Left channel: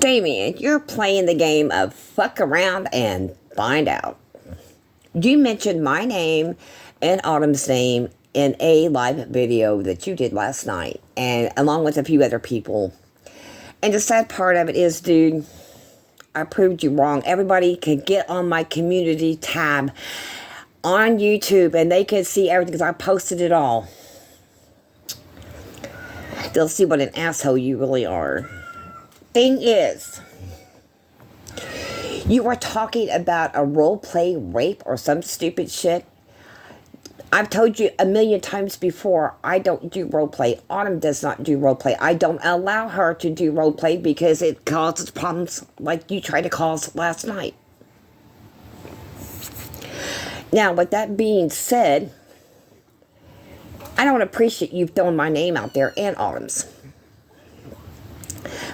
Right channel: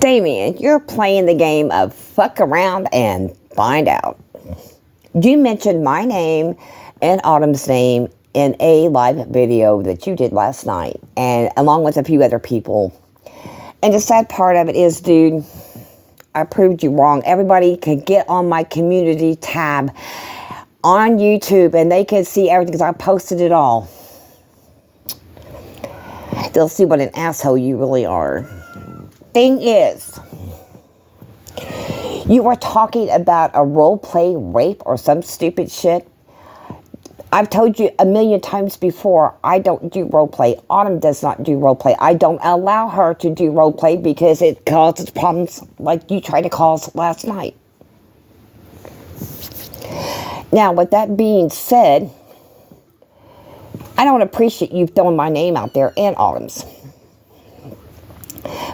Damien, you're playing the game of fuck around and find out. You mentioned my name and Autumn's name in a live video that you did last night, and along with a few other people. And the sad part of it is, dude, I proved you wrong. Everybody can get on my community tab on YouTube and they can see everything because I posted it all. They'll see what an asshole you really are. Thing is, you were talking about a role play rape or some stupid shit. I've told you a million times before, I don't do role play. Autumn does not do role play. I don't allow her to do role play because it causes problems like you tried to cause last night. Now, with that being said, I don't appreciate you throwing my name out there and Autumn's.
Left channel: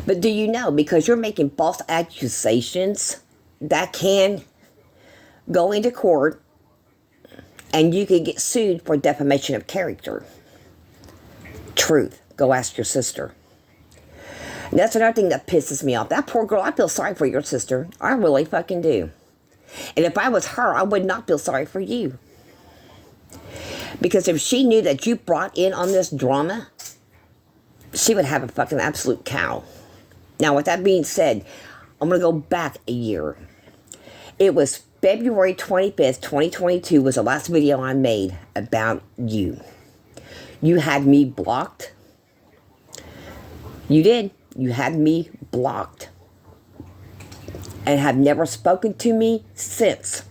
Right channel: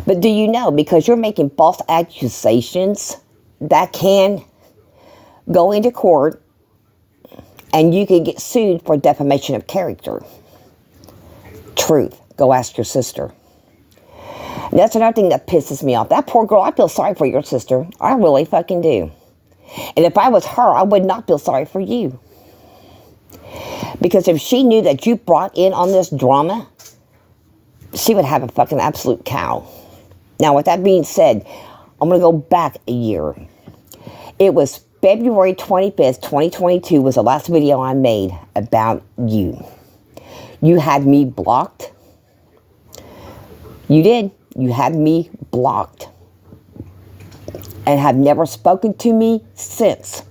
But do you know, because you're making false accusations that can go into court and you can get sued for defamation of character. Truth. Go ask your sister. And that's another thing that pisses me off. That poor girl, I feel sorry for your sister. I really fucking do. And if I was her, I would not feel sorry for you. Because if she knew that you brought in on this drama, she would have a fucking absolute cow. Now, with that being said, I'm going to go back a year. It was February 25th, 2022 was the last video I made about you. You had me blocked. You did. You had me blocked. And have never spoken to me since.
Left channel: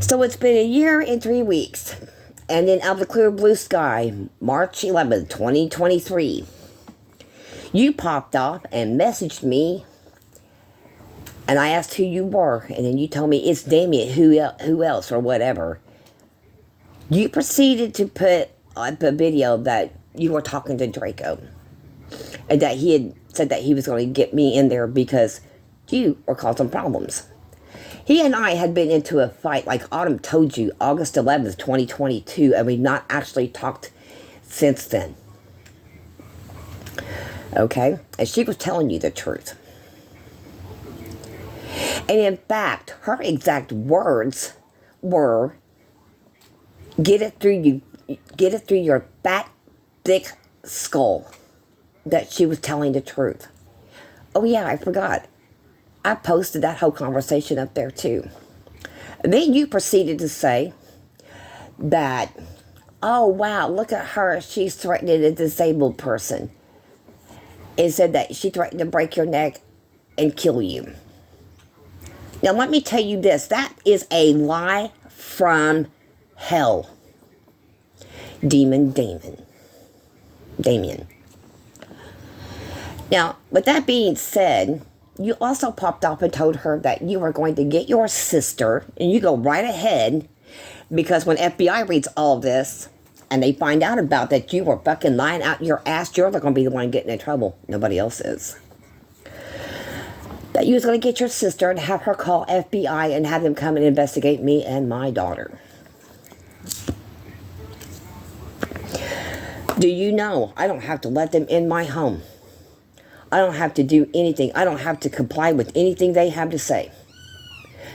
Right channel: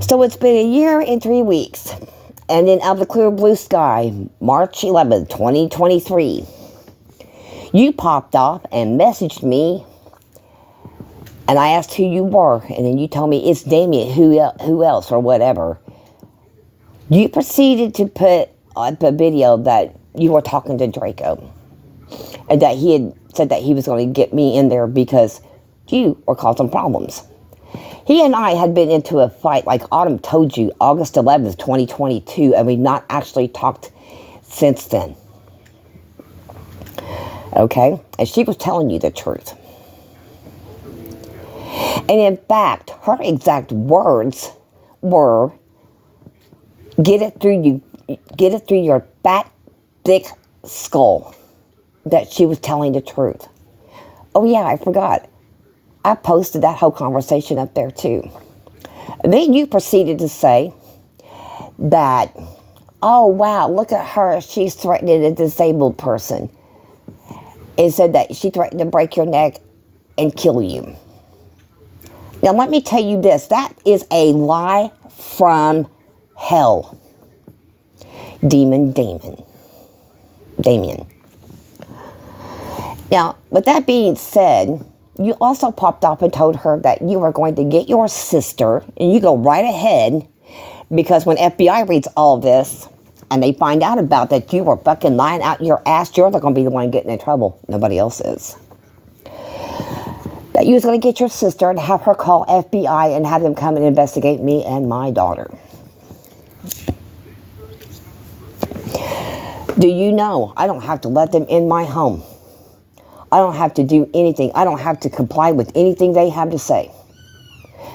So it's been a year and 3 weeks. And then out of the clear blue sky, March 11th, 2023, you popped off and messaged me. And I asked who you were. And then you told me it's Damien, who else or whatever. You proceeded to put up a video that you were talking to Draco. And that he had said that he was going to get me in there because you were causing problems. He and I had been into a fight, like Autumn told you, August 11th, 2022, and we've not actually talked since then. Okay? And she was telling you the truth. And in fact, her exact words were, get it through your fat, thick skull, that she was telling the truth. Oh yeah, I forgot. I posted that whole conversation up there too. Then you proceeded to say that, oh wow, look at her, she's threatening a disabled person. And said that she threatened to break your neck and kill you. Now let me tell you this, that is a lie from hell. Damien. Now, with that being said, you also popped up and told her that you were going to get your sister, and you go right ahead, because when FBI reads all of this, and they find out about that you were fucking lying out your ass, you're not going to be the one getting in trouble. Nobody else is. That you was going to get your sister and have her call FBI and have them come and investigate me and my daughter. Do you know I don't have to let them in my home? I don't have to do anything. I don't have to comply with anything they have to say.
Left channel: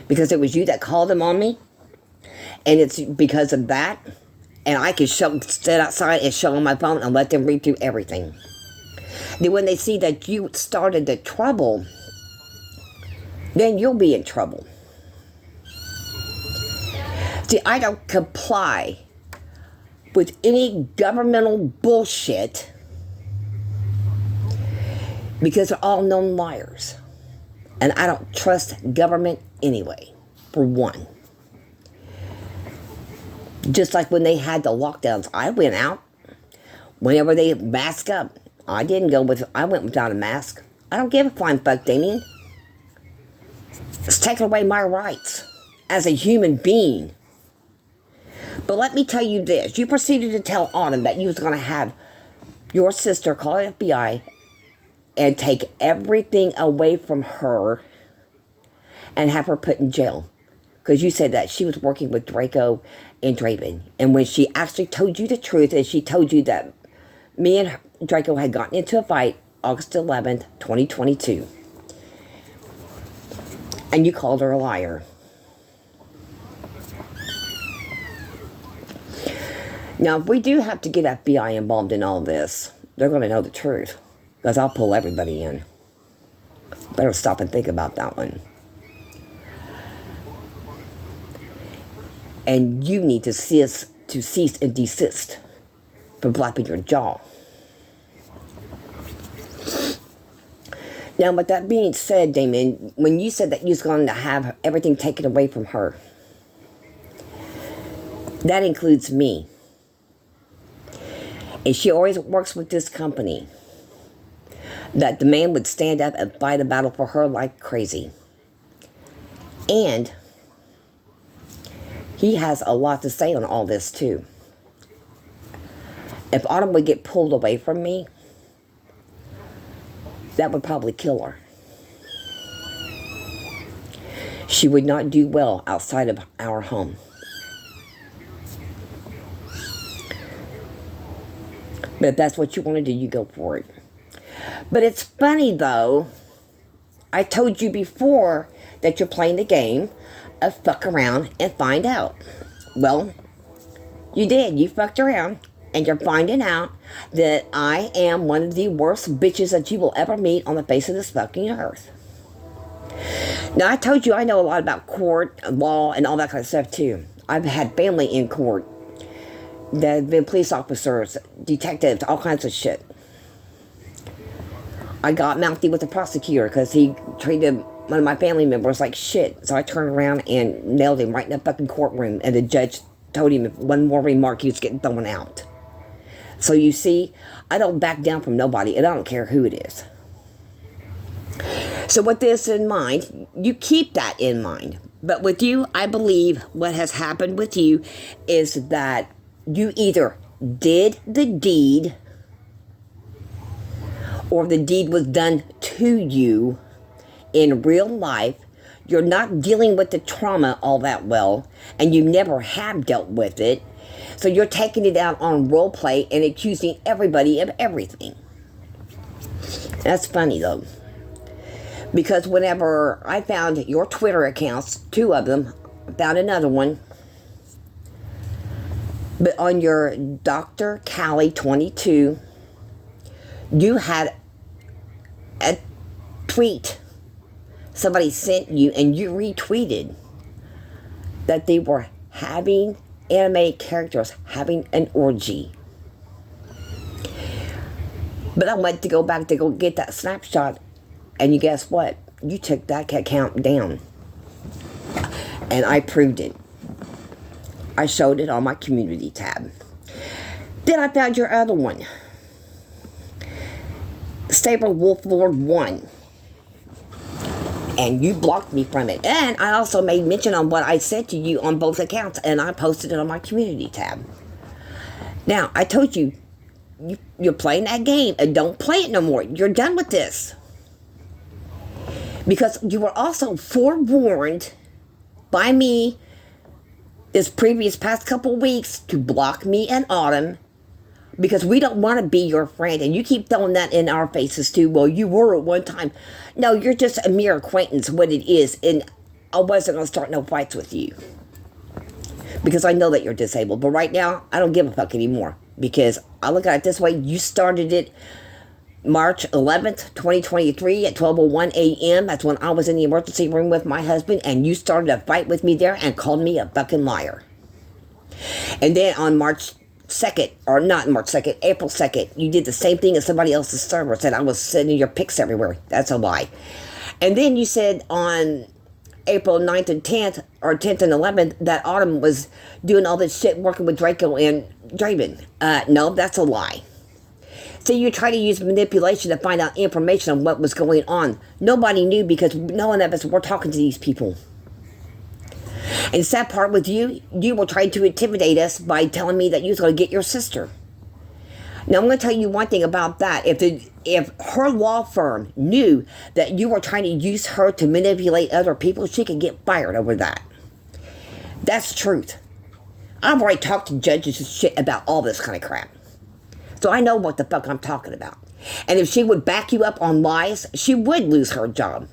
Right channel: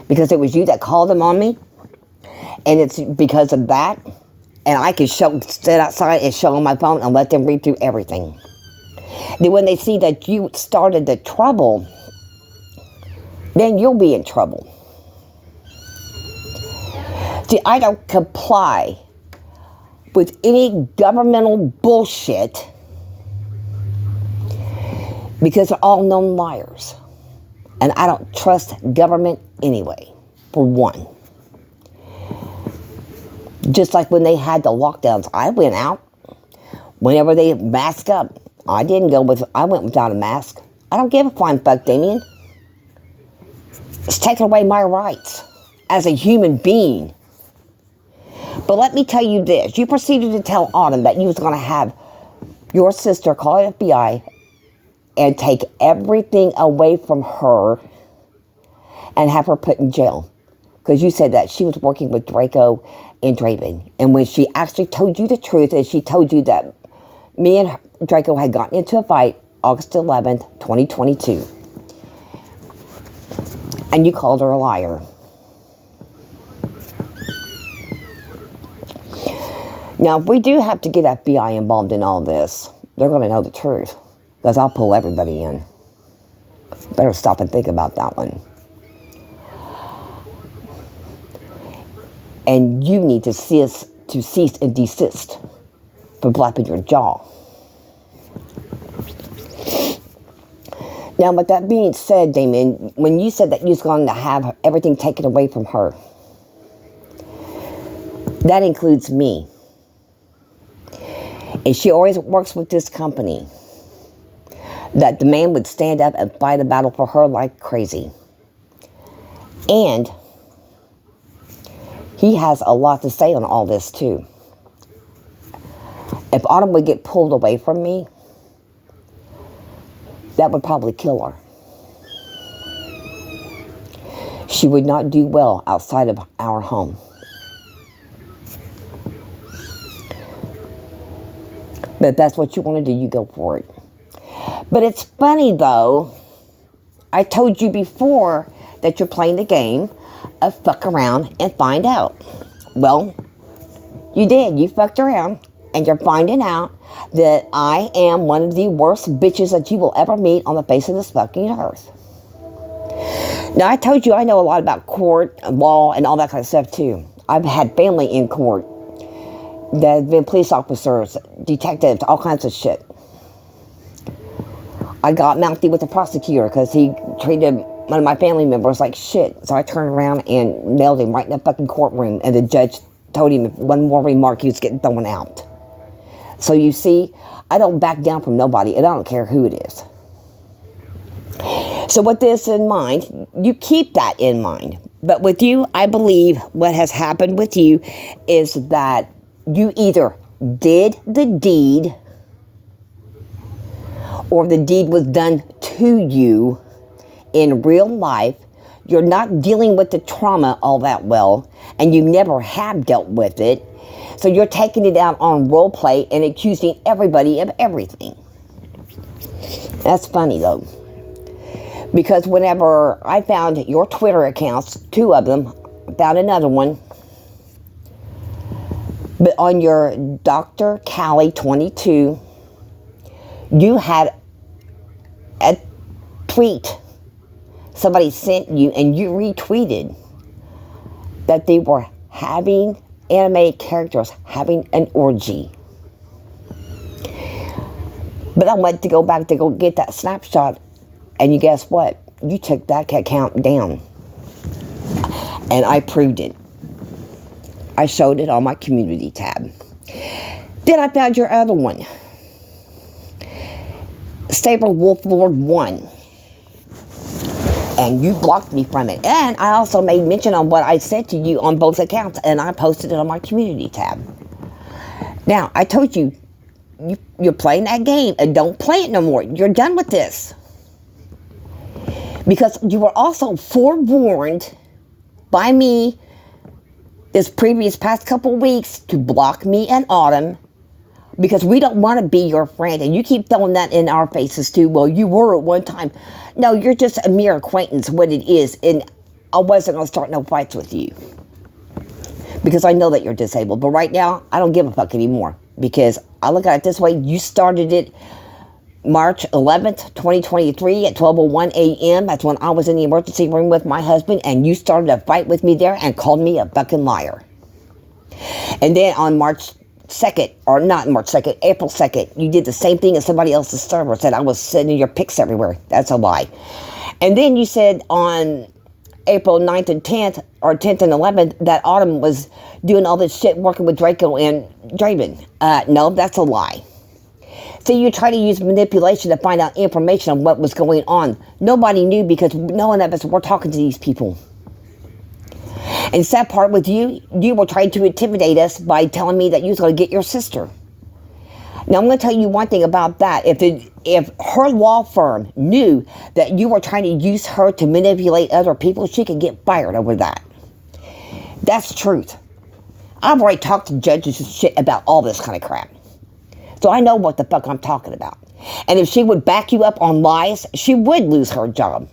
Because it was you that called them on me. And it's because of that. And I can sit outside and show them my phone and let them read through everything. Then when they see that you started the trouble, then you'll be in trouble. See, I don't comply with any governmental bullshit because they're all known liars. And I don't trust government anyway, for one. Just like when they had the lockdowns, I went out. Whenever they masked up, I went without a mask. I don't give a flying fuck, Damien. It's taking away my rights as a human being. But let me tell you this. You proceeded to tell Autumn that you was going to have your sister call FBI and take everything away from her and have her put in jail. Because you said that she was working with Draco and Draven. And when she actually told you the truth, and she told you that me and Draco had gotten into a fight August 11th, 2022. And you called her a liar. Now, if we do have to get FBI involved in all this, they're going to know the truth. Because I'll pull everybody in. Better stop and think about that one. And you need to cease and desist from flapping your jaw. Now, with that being said, Damien, when you said that you was going to have everything taken away from her, that includes me. And she always works with this company. That the man would stand up and fight a battle for her like crazy. And he has a lot to say on all this too. If Autumn would get pulled away from me, that would probably kill her. She would not do well outside of our home. But if that's what you want to do, you go for it. But it's funny though, I told you before that you're playing the game of fuck around and find out. Well, you did. You fucked around and you're finding out that I am one of the worst bitches that you will ever meet on the face of this fucking earth. Now, I told you I know a lot about court and law and all that kind of stuff too. I've had family in court that have been police officers, detectives, all kinds of shit. I got mouthy with the prosecutor because he treated one of my family members like shit. So I turned around and nailed him right in the fucking courtroom. And the judge told him if one more remark, he was getting thrown out. So you see, I don't back down from nobody, and I don't care who it is. So with this in mind, you keep that in mind. But with you, I believe what has happened with you is that you either did the deed or the deed was done to you in real life. You're not dealing with the trauma all that well, and you never have dealt with it. So you're taking it out on role play and accusing everybody of everything. That's funny though. Because whenever I found your Twitter accounts, 2 of them, found another one, but on your Dr. Callie 22, you had a tweet somebody sent you and you retweeted that they were having animated characters having an orgy. But I went to go back to go get that snapshot, and you guess what? You took that account down. And I proved it. I showed it on my community tab. Then I found your other one. Saber Wolf Lord 1. And you blocked me from it. And I also made mention on what I said to you on both accounts, and I posted it on my community tab. Now, I told you, you're playing that game, and don't play it no more. You're done with this. Because you were also forewarned by me this previous past couple weeks to block me and Autumn, because we don't want to be your friend. And you keep throwing that in our faces too. Well, you were at one time. No, you're just a mere acquaintance, what it is. And I wasn't going to start no fights with you, because I know that you're disabled. But right now, I don't give a fuck anymore, because I look at it this way. You started it March 11th, 2023 at 12:01 a.m. That's when I was in the emergency room with my husband, and you started a fight with me there and called me a fucking liar. And then on March 2nd, or not March 2nd, April 2nd, you did the same thing as somebody else's server, said I was sending your pics everywhere. That's a lie. And then you said on April 9th and 10th, or 10th and 11th, that Autumn was doing all this shit working with Draco and Draven. No, that's a lie. So you try to use manipulation to find out information on what was going on. Nobody knew, because no one of us were talking to these people. And the sad part with you, you were trying to intimidate us by telling me that you was going to get your sister. Now, I'm going to tell you one thing about that. If her law firm knew that you were trying to use her to manipulate other people, she could get fired over that. That's truth. I've already talked to judges and shit about all this kind of crap. So I know what the fuck I'm talking about. And if she would back you up on lies, she would lose her job.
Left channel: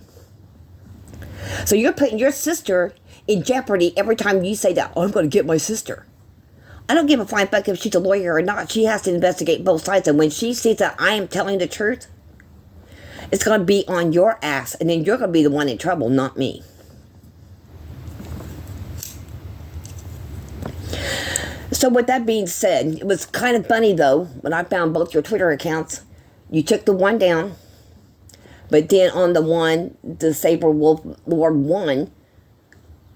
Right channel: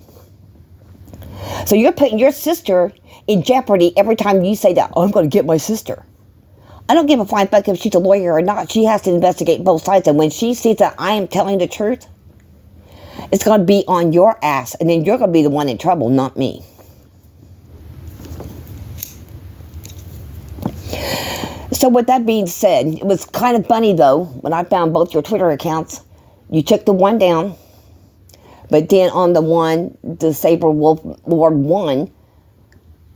So you're putting your sister in jeopardy every time you say that, oh, I'm going to get my sister. I don't give a flying fuck if she's a lawyer or not. She has to investigate both sides. And when she sees that I am telling the truth, it's going to be on your ass. And then you're going to be the one in trouble, not me. So with that being said, it was kind of funny, though, when I found both your Twitter accounts. You took the one down. But then on the one, the Saber Wolf Lord 1,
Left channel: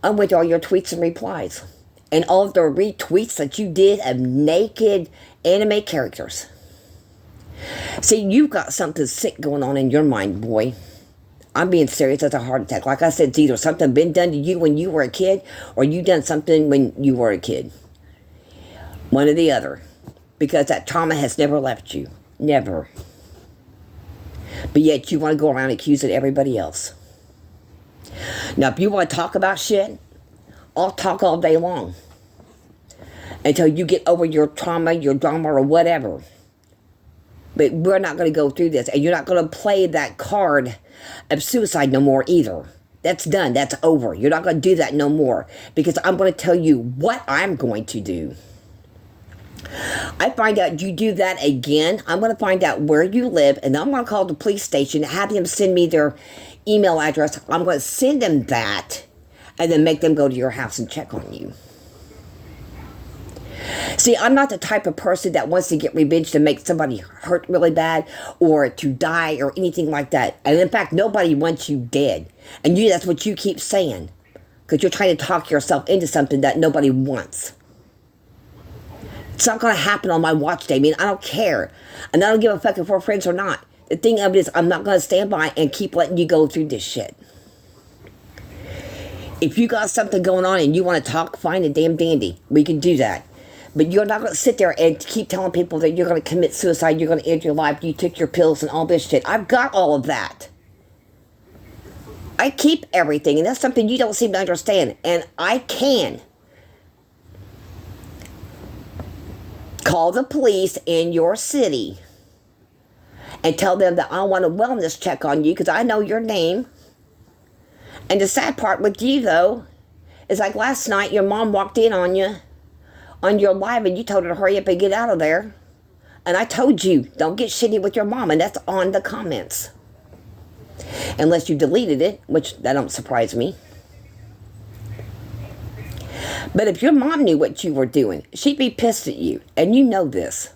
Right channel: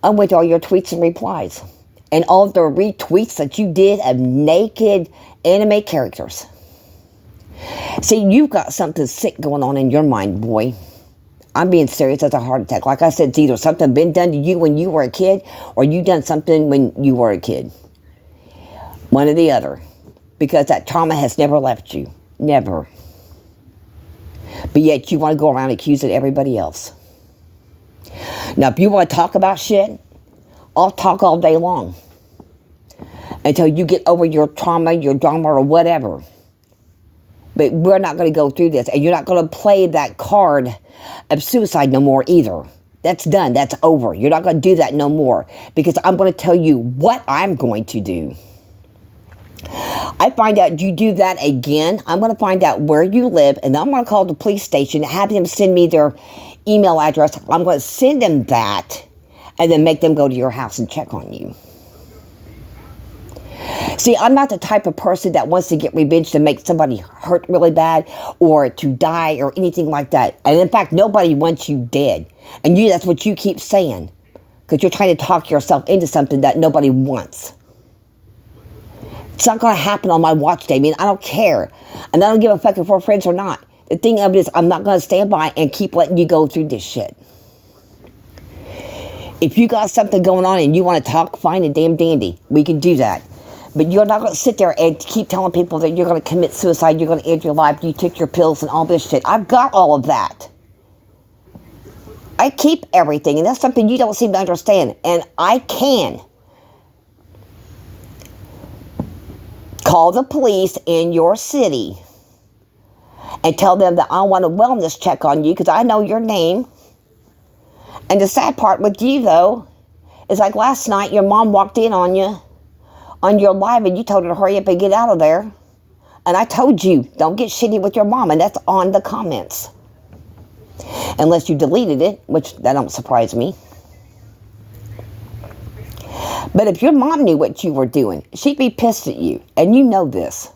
I went to all your tweets and replies. And all the retweets that you did of naked anime characters. See, you've got something sick going on in your mind, boy. I'm being serious as a heart attack. Like I said, it's either something been done to you when you were a kid, or you done something when you were a kid. One or the other. Because that trauma has never left you. Never. But yet you want to go around accusing everybody else. Now, if you want to talk about shit, I'll talk all day long. Until you get over your trauma, your drama, or whatever. But we're not going to go through this. And you're not going to play that card of suicide no more either. That's done. That's over. You're not going to do that no more. Because I'm going to tell you what I'm going to do. I find out you do that again, I'm going to find out where you live, and I'm going to call the police station, have them send me their email address. I'm going to send them that, and then make them go to your house and check on you. See, I'm not the type of person that wants to get revenge to make somebody hurt really bad, or to die, or anything like that. And in fact, nobody wants you dead. And that's what you keep saying, because you're trying to talk yourself into something that nobody wants. It's not going to happen on my watch, Damien. I don't care. And I don't give a fuck if we're friends or not. The thing of it is, I'm not going to stand by and keep letting you go through this shit. If you got something going on and you want to talk, fine and damn dandy. We can do that. But you're not going to sit there and keep telling people that you're going to commit suicide, you're going to end your life, you took your pills and all this shit. I've got all of that. I keep everything, and that's something you don't seem to understand. And I can call the police in your city and tell them that I want a wellness check on you because I know your name. And the sad part with you, though, is like last night, your mom walked in on you on your live and you told her to hurry up and get out of there. And I told you, don't get shitty with your mom, and that's on the comments. Unless you deleted it, which that don't surprise me. But if your mom knew what you were doing, she'd be pissed at you. And you know this.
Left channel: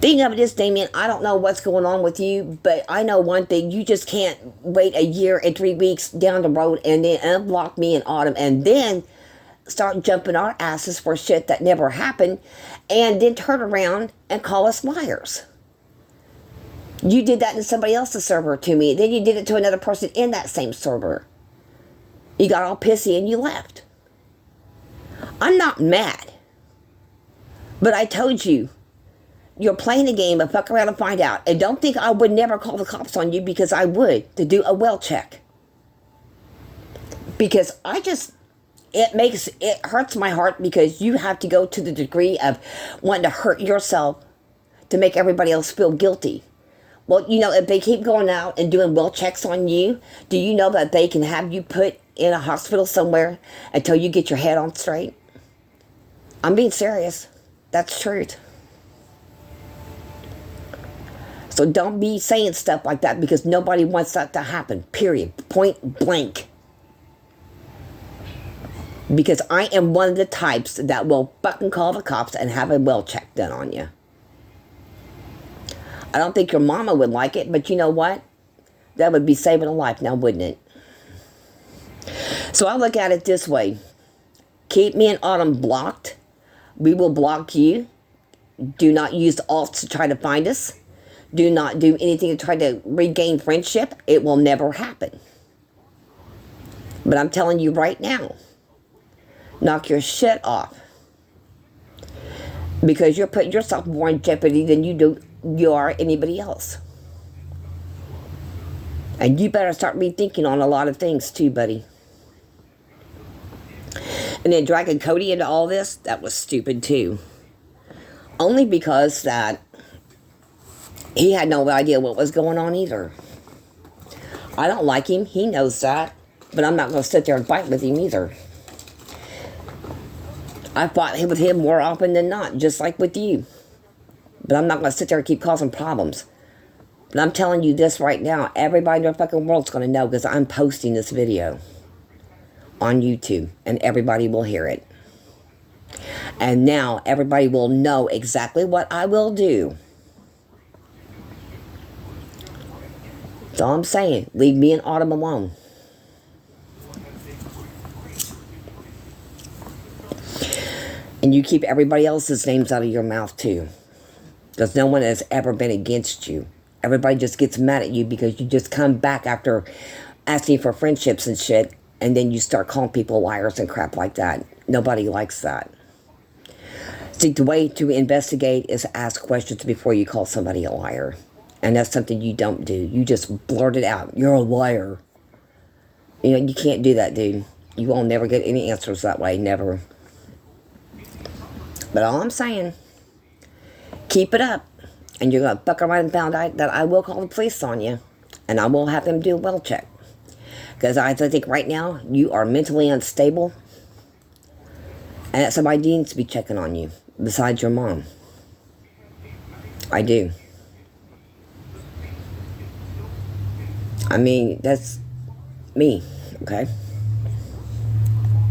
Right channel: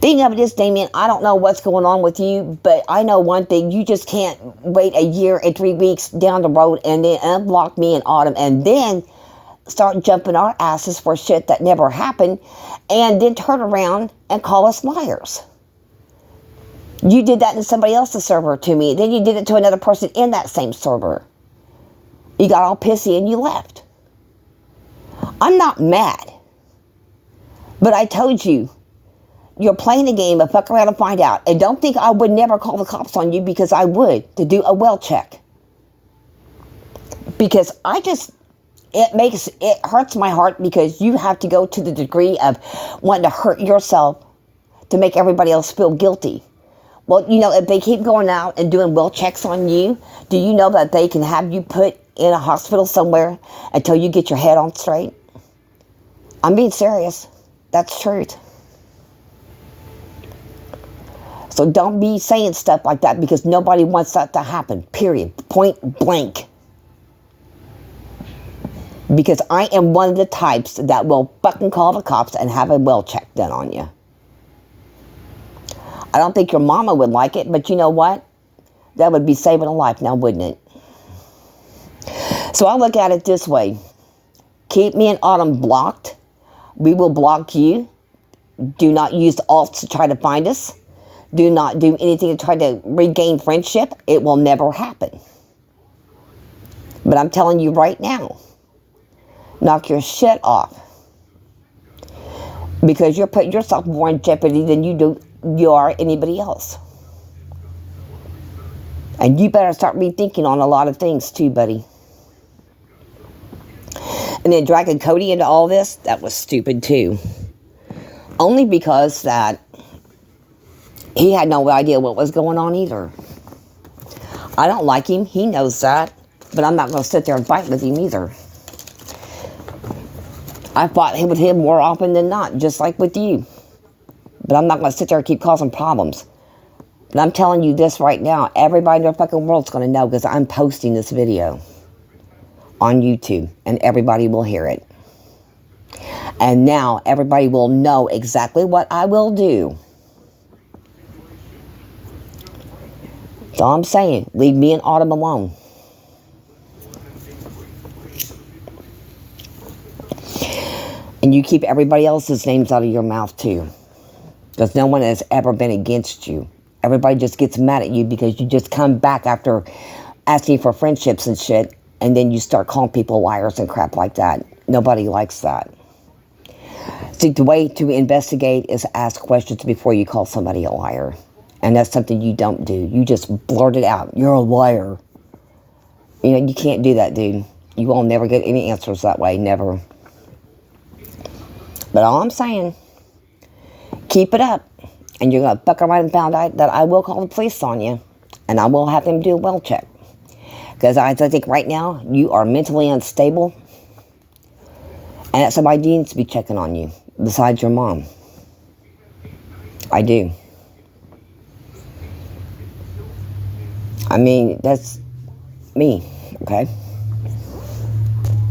Thing of it is, Damien, I don't know what's going on with you, but I know one thing. You just can't wait a year and 3 weeks down the road and then unblock me in autumn and then start jumping our asses for shit that never happened and then turn around and call us liars. You did that in somebody else's server to me. Then you did it to another person in that same server. You got all pissy and you left. I'm not mad. But I told you, you're playing a game, but fuck around and find out. And don't think I would never call the cops on you, because I would, to do a well check. Because it hurts my heart because you have to go to the degree of wanting to hurt yourself to make everybody else feel guilty. Well, you know, if they keep going out and doing well checks on you, do you know that they can have you put in a hospital somewhere until you get your head on straight? I'm being serious. That's truth. So don't be saying stuff like that, because nobody wants that to happen, period. Point blank. Because I am one of the types that will fucking call the cops and have a well check done on you. I don't think your mama would like it, but you know what? That would be saving a life now, wouldn't it? So I look at it this way. Keep me and Autumn blocked. We will block you. Do not use alts to try to find us. Do not do anything to try to regain friendship. It will never happen. But I'm telling you right now, knock your shit off. Because you're putting yourself more in jeopardy than you are anybody else. And you better start rethinking on a lot of things too, buddy. And then dragging Cody into all this, that was stupid too. Only because that He had no idea what was going on either. I don't like him. He knows that. But I'm not going to sit there and fight with him either. I fought with him more often than not, just like with you. But I'm not going to sit there and keep causing problems. But I'm telling you this right now. Everybody in the fucking world's going to know because I'm posting this video on YouTube. And everybody will hear it. And now everybody will know exactly what I will do. That's all I'm saying. Leave me and Autumn alone. And you keep everybody else's names out of your mouth too. Because no one has ever been against you. Everybody just gets mad at you because you just come back after asking for friendships and shit. And then you start calling people liars and crap like that. Nobody likes that. See, the way to investigate is ask questions before you call somebody a liar. And that's something you don't do. You just blurt it out. You're a liar. You know, you can't do that, dude. You will never get any answers that way. Never. But all I'm saying, keep it up. And you're going to fuck around and find out that I will call the police on you. And I will have them do a well check. Because I think right now, you are mentally unstable. And that somebody needs to be checking on you. Besides your mom. I do. I mean, that's me, okay?